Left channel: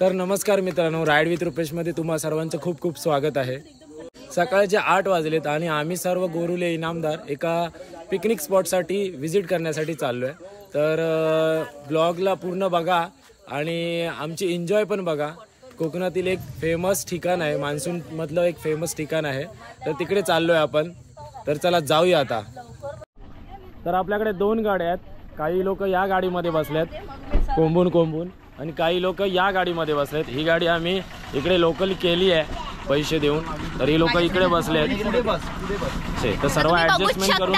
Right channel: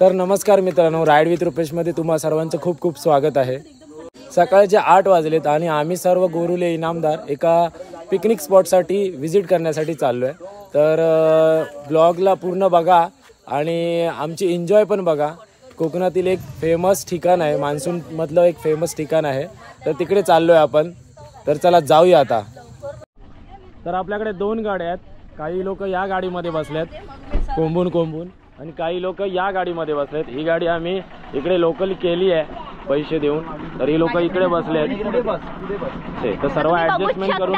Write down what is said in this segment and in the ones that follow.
तर नमस्कार मित्रांनो, राईड विथ रुपेशमध्ये तुम्हा सर्वांचं खूप खूप स्वागत आहे। सकाळचे 8 वाजलेत आणि आम्ही सर्व गोरुले इनामदार एका पिकनिक स्पॉटसाठी व्हिजिट करण्यासाठी चाललो आहे। तर ब्लॉगला पूर्ण बघा आणि आमची एन्जॉय पण बघा। कोकणातील एक फेमस ठिकाण आहे, मान्सून मधलं एक फेमस ठिकाण आहे, तर तिकडे चाललो आहे आपण। तर चला जाऊया आता। तर आपल्याकडे 2 गाड्या आहेत, काही लोक या गाडीमध्ये बसलेत कोंबून आणि काही लोक या गाडीमध्ये बसलेत। ही गाडी आम्ही इकडे लोकल केली आहे पैसे देऊन, तर ही लोक इकडे बसलेत। तर सर्व ऍडजस्टमेंट करून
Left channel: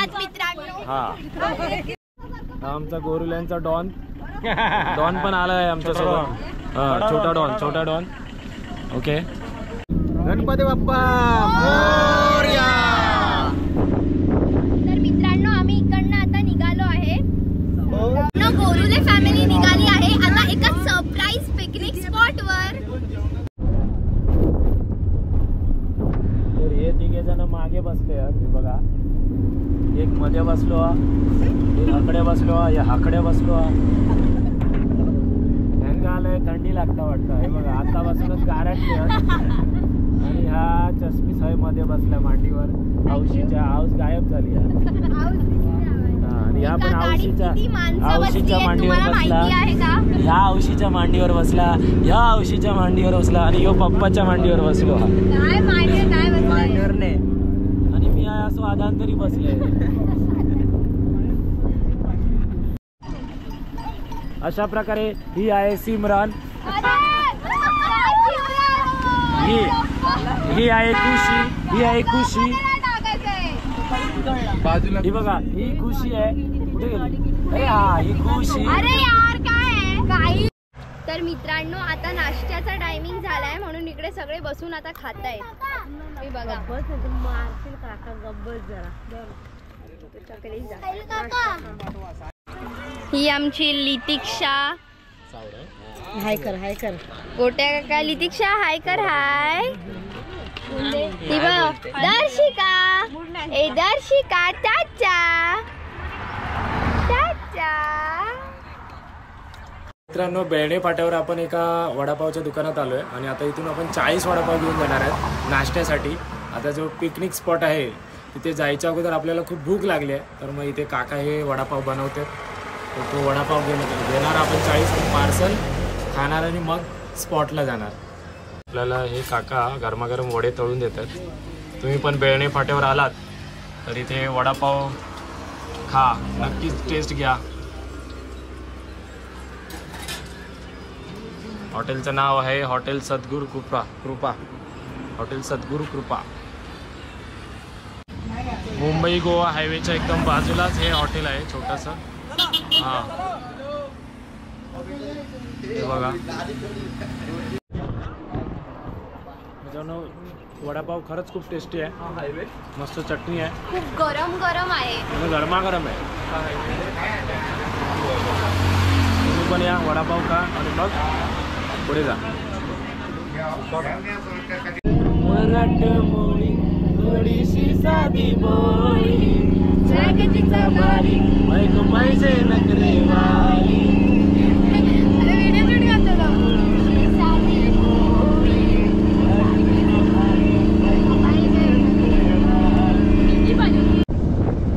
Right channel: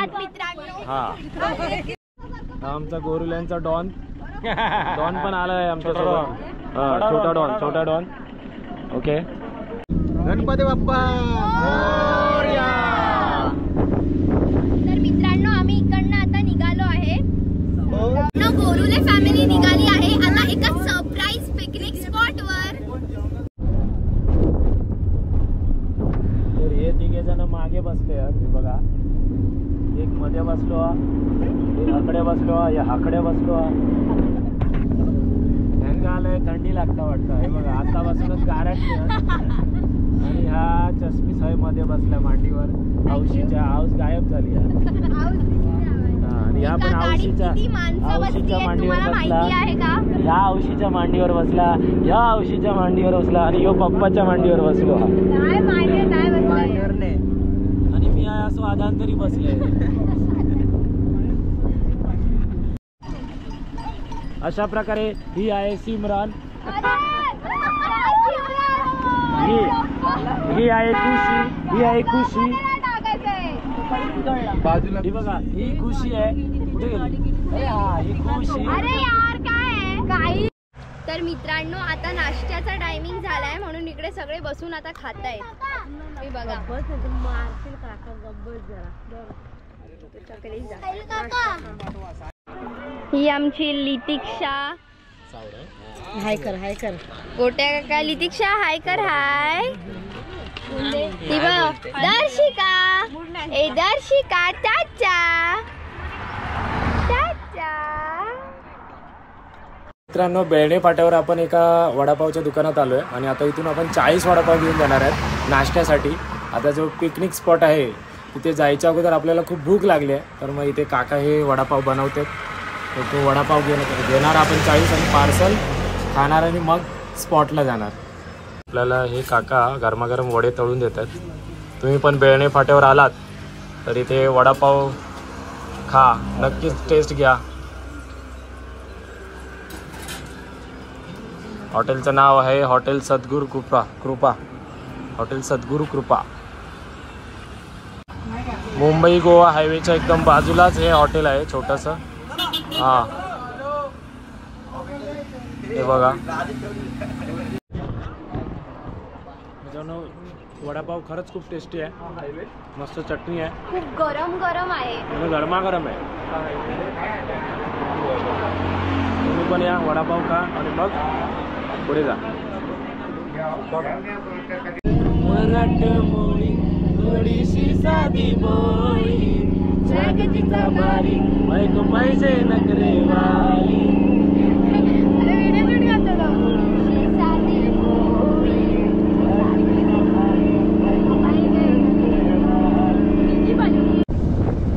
हा आमचा गोरुल्यांचा डॉन पण आला आहे आमच्या सोबत। छोटा डॉन ओके। गणपती बाप्पा मोरया। तर मित्रांनो, आम्ही इकडनं आता निघालो आहे। गोरुले फॅमिली निघाली आहे आता एका सरप्राईज पिकनिक स्पॉट वर। तर हे 3 जण मागे बसले आहेत, बघा। एक मध्ये बसलो, एक आकडे बसलो, या आकडे बसलो। आलंय, थंडी लागता वाटतं। हे बघा आतापासूनच गारटते आणि हा चष्मी सय मध्ये बसला मांडीवर। औशीच्या आऊस गायब झाली आणि ह्या पण औशीच्या मांडीवर बसला। ह्या औशीच्या मांडीवर बसला, ह्या औशीच्या मांडीवर बसला आणि ह्यो पप्पाच्या मांडीवर बसलो आणि मी असं आधांतरी बसले। अशा प्रकारे ही आहे सिमरन, ही आहे खुशी, बाजूला ही बघा, ही खुशी आहे। कुठे गेली? अरे हा, ही खुशी। अरे यार काय तर मित्रांनो, आता नाश्त्याचा टायमिंग झालाय म्हणून इकडे सगळे बसून आता खातायत। मी बघा ही आमची लितिक्षा। हाय कर गोट्या काका, लितिक्षा हाय कर। हाय ती बघ दर्शिका, ए दर्शिका चाचा। मित्रांनो, बेळणे फाट्यावर आपण एका वडापावच्या दुकानात आलोय आणि आता इथून आपण 40 वडापाव घेऊन जाणार आहेत नाश्त्यासाठी। आता जो पिकनिक स्पॉट आहे तिथे जायच्या अगोदर आपल्याला खूप भूक लागली आहे, तर मग इथे काका हे वडापाव बनवतात। तर तो वडापाव घेणार आपण 40 आणि पार्सल खाणार आणि मग स्पॉटला जाणार। आपल्याला हे काका गरमागरम वडे तळून देतात। तुम्ही पण बेळणे फाट्यावर आलात तर इथे वडापाव खा, नक्कीच टेस्ट घ्या। हॉटेलचं नाव आहे हॉटेल सद्गुरू कृपा, हॉटेल सद्गुरू कृपा। मुंबई गोवा हायवेच्या एकदम बाजूलाच हे हॉटेल आहे छोटंसं। हा हे बघा, मित्रांनो वडापाव खरंच खूप टेस्टी आहे, मस्त चटणी आहे, खूप गरम आहे आणि गरमागरम आहे। तुम्ही पण या, वडापाव खा आणि मग पुढे जा। मराठमोळी थोडीशी साधी बोली, जागतिका बारी मैको पैसे नखरेवाली।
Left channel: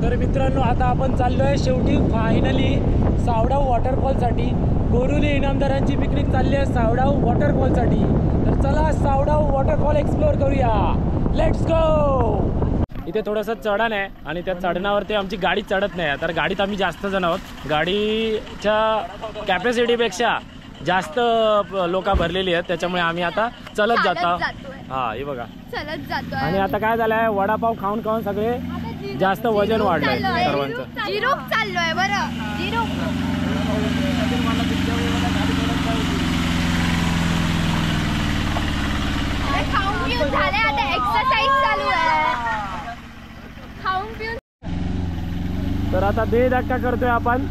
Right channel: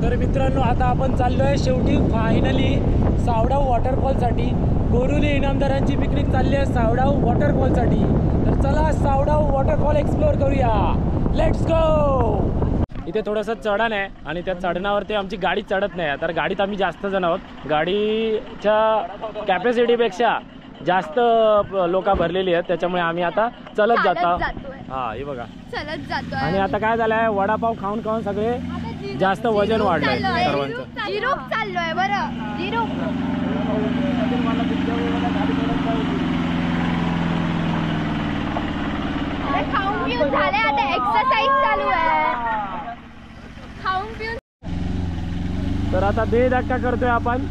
तर मित्रांनो, आता आपण चाललोय शेवटी फायनली सावडाव वॉटरफॉलसाठी। गोरुले इनामदारांची पिकनिक चालली आहे सावडाव वॉटरफॉलसाठी। तर चला सावडाव वॉटरफॉल एक्सप्लोअर करूया, लेट्स गो। इथे थोडंसं चढण आहे आणि त्या चढणावरती आमची गाडी चढत नाही, तर गाडीत आम्ही जास्त जण आहोत। गाडीच्या कॅपॅसिटीपेक्षा जास्त लोक भरलेली आहेत, त्याच्यामुळे आम्ही आता चलत जातो। हा हे बघा चलत जातो। आणि आता काय झालंय, वडापाव खाऊन सगळे जास्त वजन वाढलंय सर्वांचं। जिरूप चाललोय बरं, जिरूप खाऊन पिऊन झाले, आता एक्सरसाइज चालू आहे। खाऊन पिऊन तर आता दे धक्का करतोय आपण।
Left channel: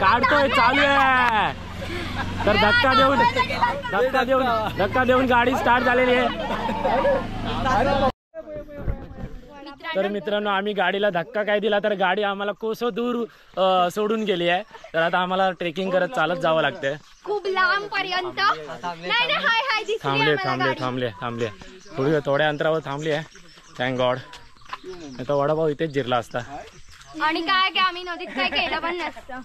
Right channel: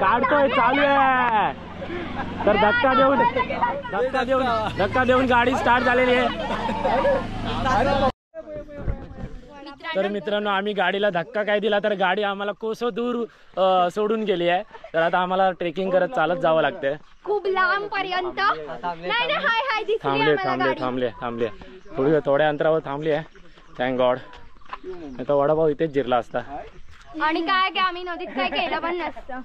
काढतोय, चालू आहे। तर धक्का देऊन गाडी स्टार्ट झालेली आहे। तर मित्रांनो आम्ही गाडीला धक्का काय दिला तर गाडी आम्हाला कोसो दूर सोडून गेली आहे. तर आता आम्हाला ट्रेकिंग करत चालत जावं लागतंय. खूप लांब पर्यंत. नाही हाय हाय दिसली थांबले थोड्या अंतरावर थांबली आहे. Thank God. आता वडापाव इथेच जिरला असता. आणि काय की आम्ही नदीत काय केलं पण नसतं.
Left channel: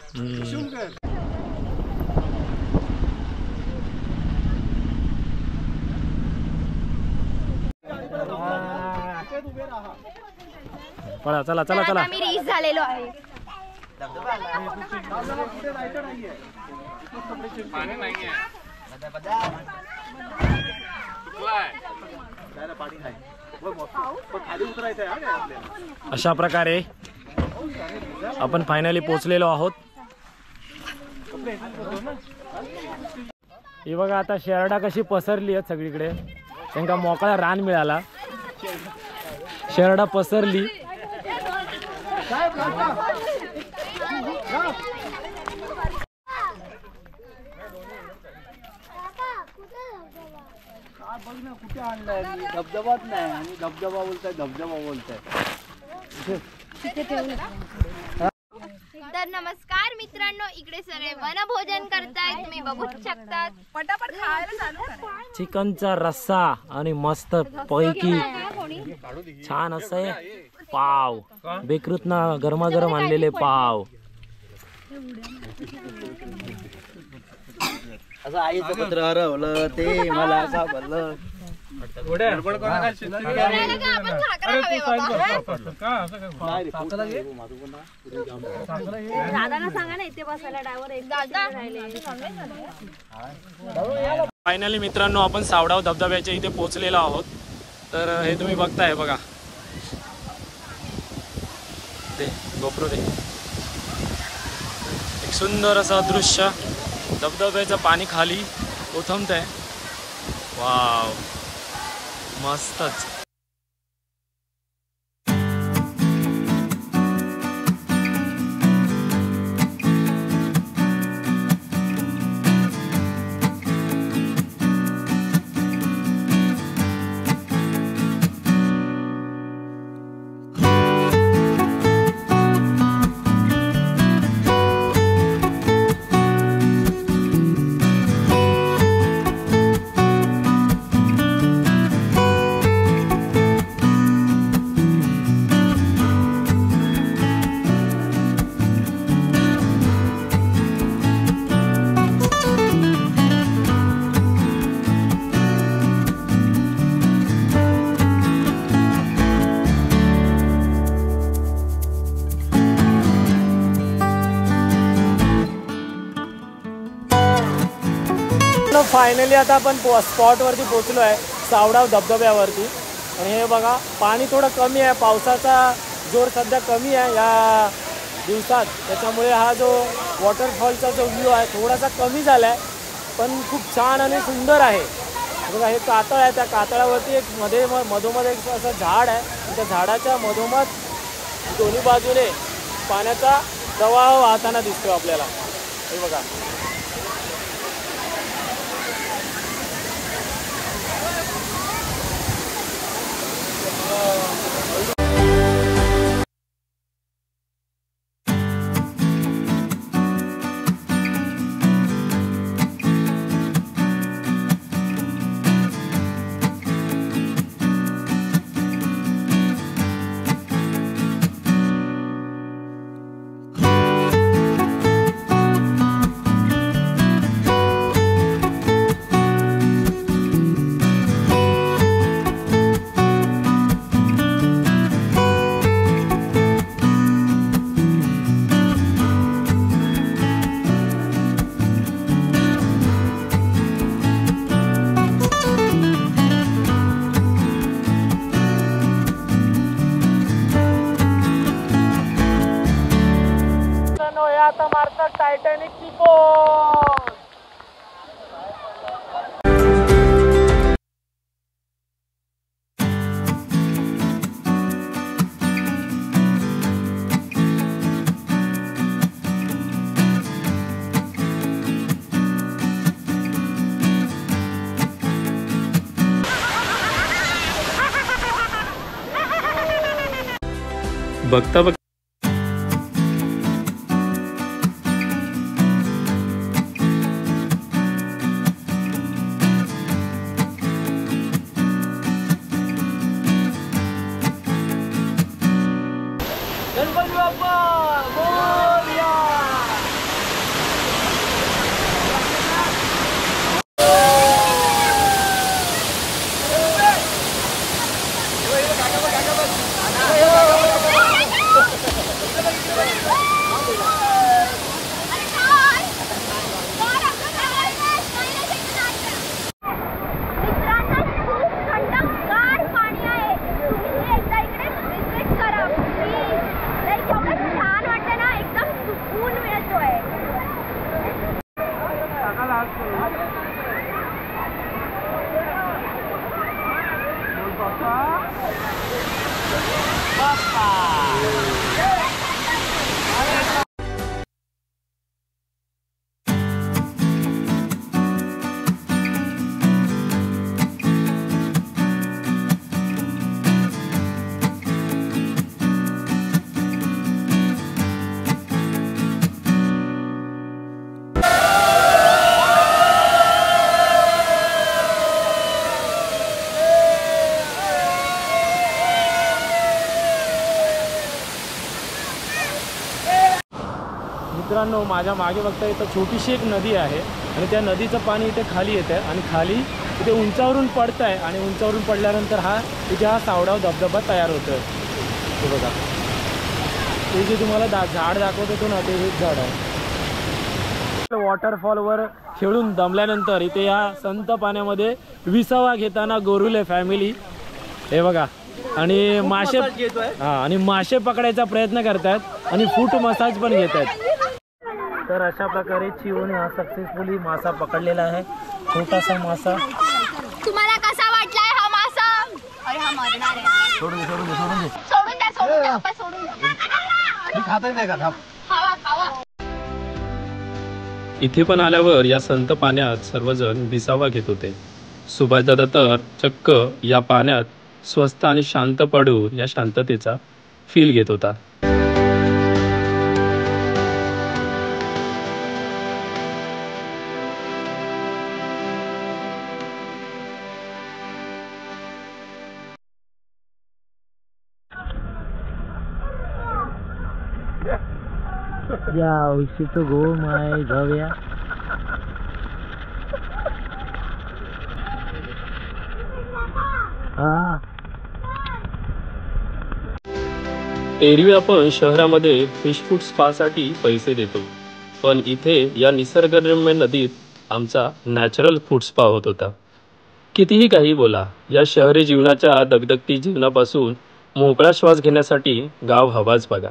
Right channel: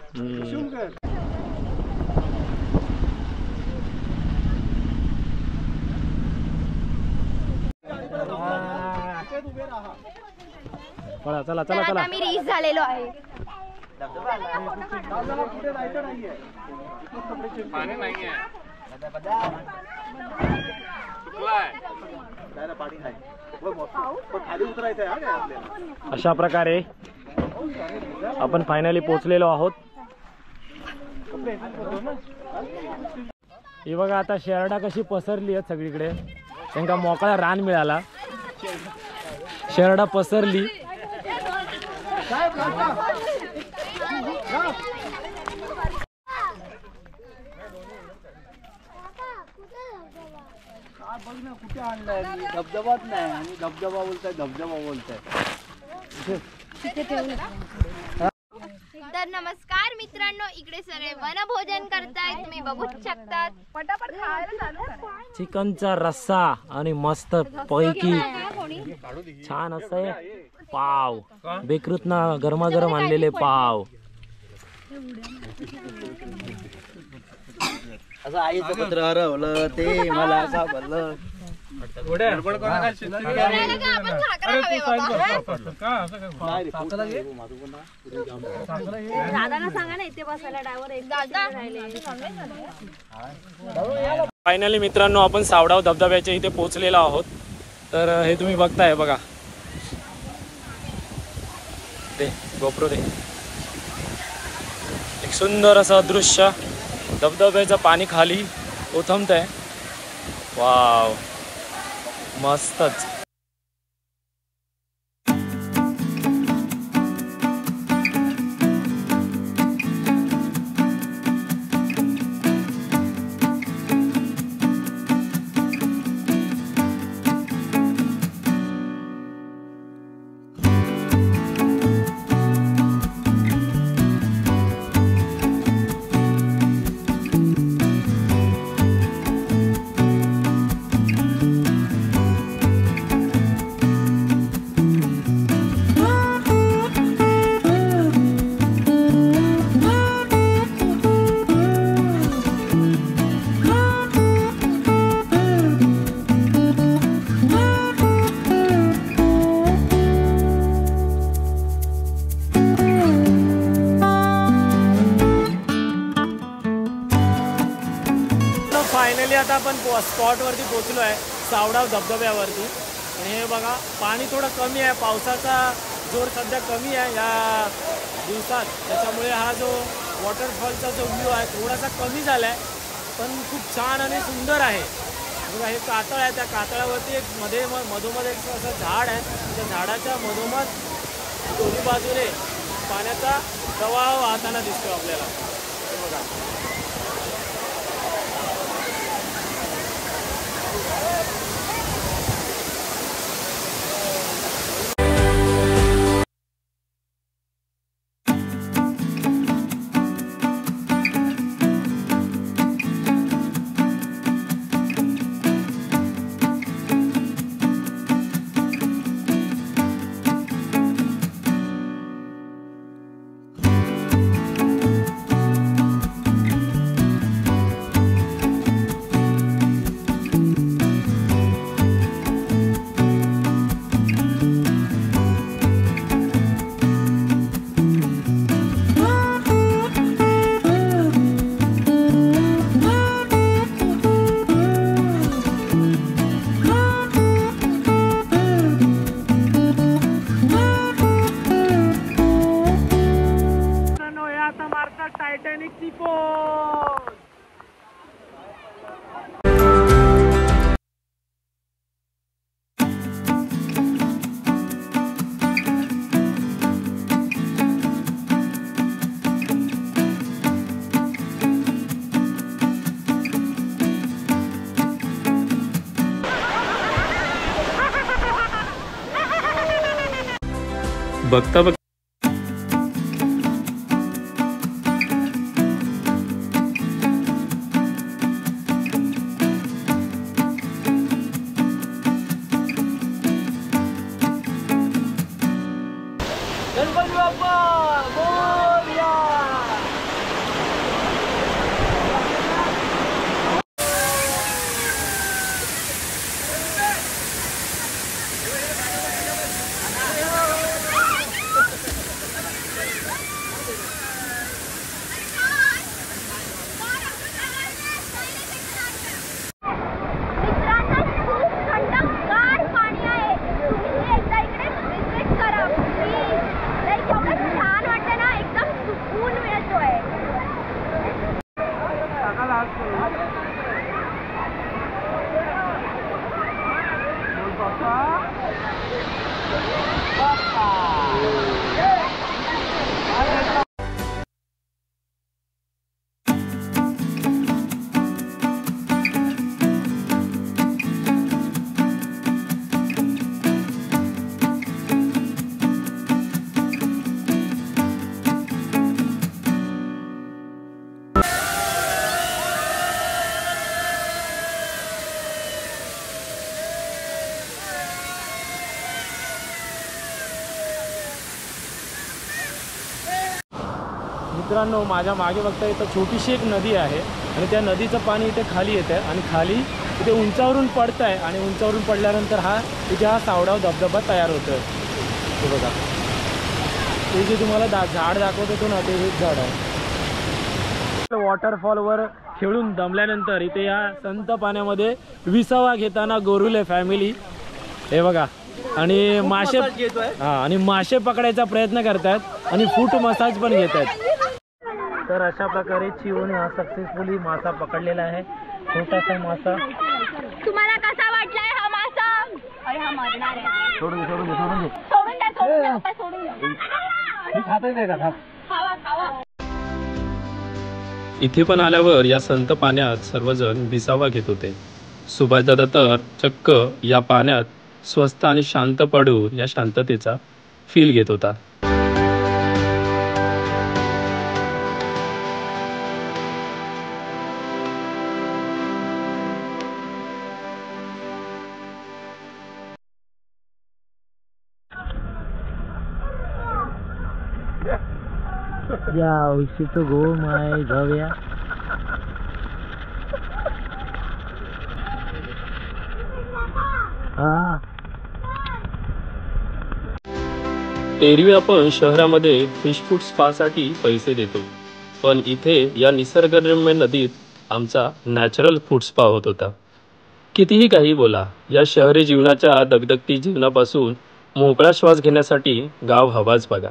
चला तर आता मी रीच झालेलो आहे. अशा प्रकारे आपण फायनली पोहोचलेलो आहोत. ही बघा आता शेरडा कशी पसरली आहेत सगळीकडे. त्यांना मोकळा रान मिळाला. शेरडा पसरली. कुठे आणलाय धबधबाच नाही आणि धबधबा बोलताय. तर नमस्कार मित्रांनो, इकडे सगळे वनभोजन करतायत, तुम्ही बघू शकतात. पटापट चिकनचा रस्सा आणि मस्त पैकी छान असं पाव. बेकरीतना गरमागरम आणलेले पाव. असं आईचं पत्र हरवलं ते मला सापडलं. फायनली मित्रांनो आपण सावडाव धबधब्याच्या इथे पोहोचलेलो आहोत. तर हे तुम्ही बघताय बघा. दे गोप्रो दे. एक सुंदर असं दृश्य. धबधब्याचं पाणी खाली ओथंबतंय. वाव मस्तच. फायनली आता आपण स्पॉट वरती पोहोचलो आहे सावडाव धबधब्यावरती. आणि हे बघा पाणी थोडं कमी आहे. पावसाचा जोर सध्या कमी आहे या दिवसात. त्याच्यामुळे हा जो वॉटरफॉलचा जो व्ह्यू आहे थोडासा कमी झाला आहे. पण खूप छान आणि सुंदर आहे. बघा हे कातळ आहे. त्या कातळावरती एक मधोमध एक असं झाड आहे. त्या झाडाच्या मधोमध दोन्ही बाजूने पाण्याचा प्रवाह वाहताना दिसतो आपल्याला. हे बघा. आता मारतात टायटॅनिकची पोच. बघता बघ गणपती बाप्पा मोरया. मित्रांनो, माझ्या मागे बघता इथं छोटीशी एक नदी आहे आणि त्या नदीचं पाणी इथे खाली येतं आहे आणि खाली इथे उंचावरून पडतं आहे आणि उंचावरून पडल्यानंतर इथे हा सावडाव धबधबा तयार होतो आहे. हे बघा, ते जे तुम्हाला झाड दाखवत होतो ना, ते हेच झाड आहे. वॉटरफॉलवर खेळून दमल्यानंतर इथे या संत पाण्यामध्ये विसावा घेताना गोरुले फॅमिली हे बघा आणि मासे पकडायचा प्रयत्न करतात आणि फूट मसाज पण घेत आहेत. तर अशा प्रकारे चिवून हा सक्सेसफुली मासा पकडलेला आहे. छोटासा मासा. तुम्हाला कसा वाटलाय हा मासा? अरे हा मरणार आहे. सोडून दे. सोडून द्या आपण सोडून द्या. मी खातच नाही का? खावा. इथे पण आल्यावर या संत पाण्यात सर्वजण विसावा घेत होते. सुभाषदादा तर चक्क या पाण्यात स्वस्त आणि शांत पडून या शांततेचा फील घेत होता. या औषध गो माय जाऊया. एरवी आपण शहरामध्ये फिश फूड स्पासाठी पैसे देतो, पण इथे या निसर्गरम्य नदीत आमचा नॅचरल फूड स्पा होत होता. कितीही काही बोला, या शहरी जीवनाच्या दगदगती जीवनापासून मोकळा श्वास घेण्यासाठी गाव हवाच बघा.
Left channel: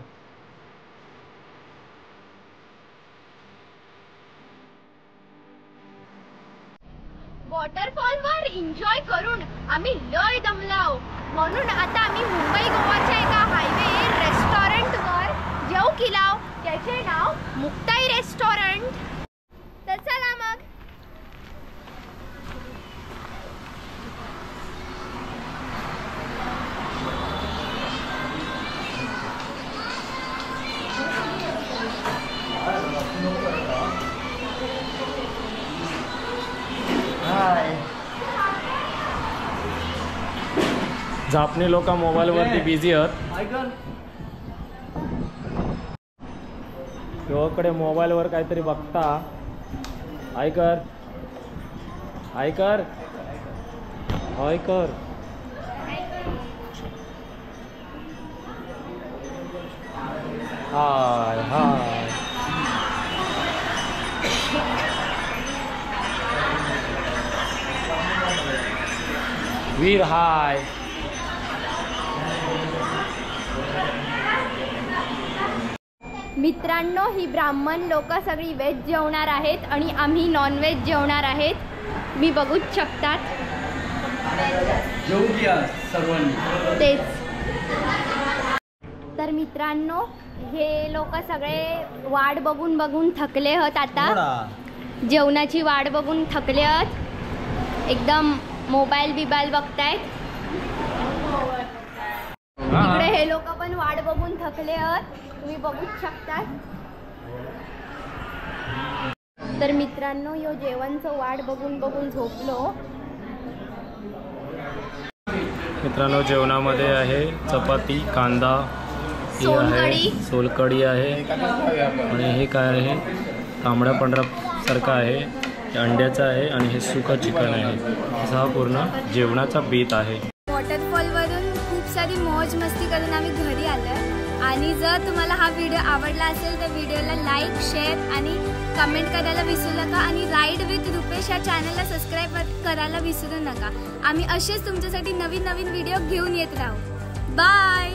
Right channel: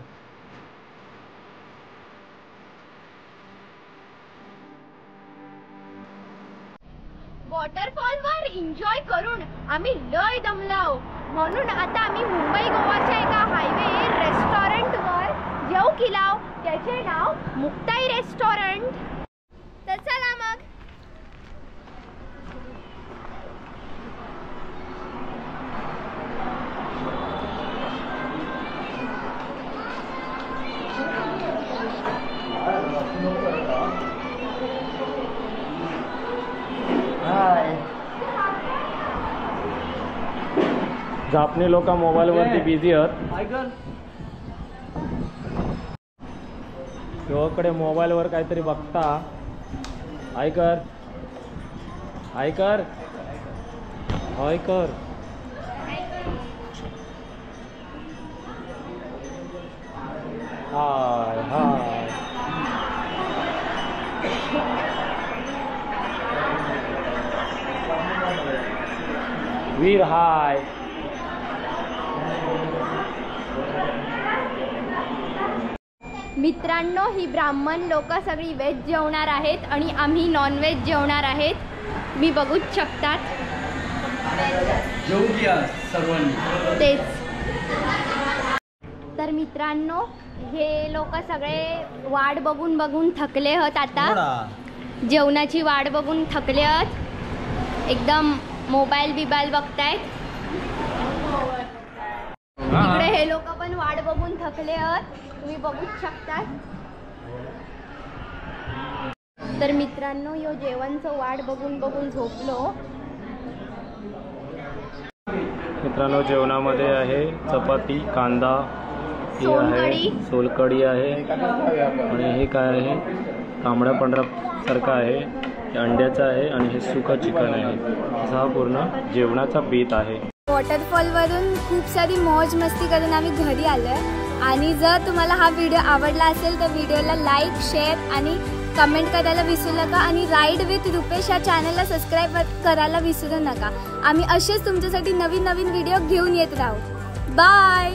वॉटरफॉलवर एन्जॉय करून आम्ही लय दमलाव, म्हणून आता आम्ही मुंबई गोवाच्या एका हायवे रेस्टॉरंटवर जेव केलाव. त्याचे नाव मुक्ताई रेस्टॉरंट. तर चला मग. झापणे लोक मोबाईलवरती बिझी आहेत. कडे मोबाईलवर काहीतरी बघता. ऐकर हाय वीर हाय. मित्रांनो, ही ब्राह्मण लोक सगळी व्हेज जेवणार आहेत आणि आम्ही नॉन व्हेज जेवणार आहेत. मी बघूच शकतात. जेवू घ्या सर्वांनी. तेच तर मित्रांनो, हे लोक सगळे वाट बघून बघून थकले आहेत. आता जेवणाची वाट बघून थकले आहेत. एकदम मोबाईल बिबाईल बघतायत. इकडे हे लोक पण वाट बघून थकले आहेत, तुम्ही बघू शकता. तर मित्रांनो, यो जेवणचं वाट बघून बघून झोपलो. मित्रांनो, जेवणामध्ये आहे चपाती, कांदा, हे आहे सोलकढी आहे आणि हे काय आहे तांबडा पांढरा सारखा आहे, हे अंड्याचा आहे आणि हे सुका चिकन आहे. असा हा पूर्ण जेवणाचा बेत आहे. वॉटरफॉलवरून खूप सारी मौज मस्ती करून आम्ही घरी आलोय. आणि जर तुम्हाला हा व्हिडिओ आवडला असेल तर व्हिडिओला लाईक, शेअर आणि कमेंट करायला विसरू नका. आणि राईड विथ रुपेश या चॅनलला सबस्क्राईब करायला विसरू नका. आम्ही असेच तुमच्यासाठी नवीन नवीन व्हिडिओ घेऊन येत राहू. बाय.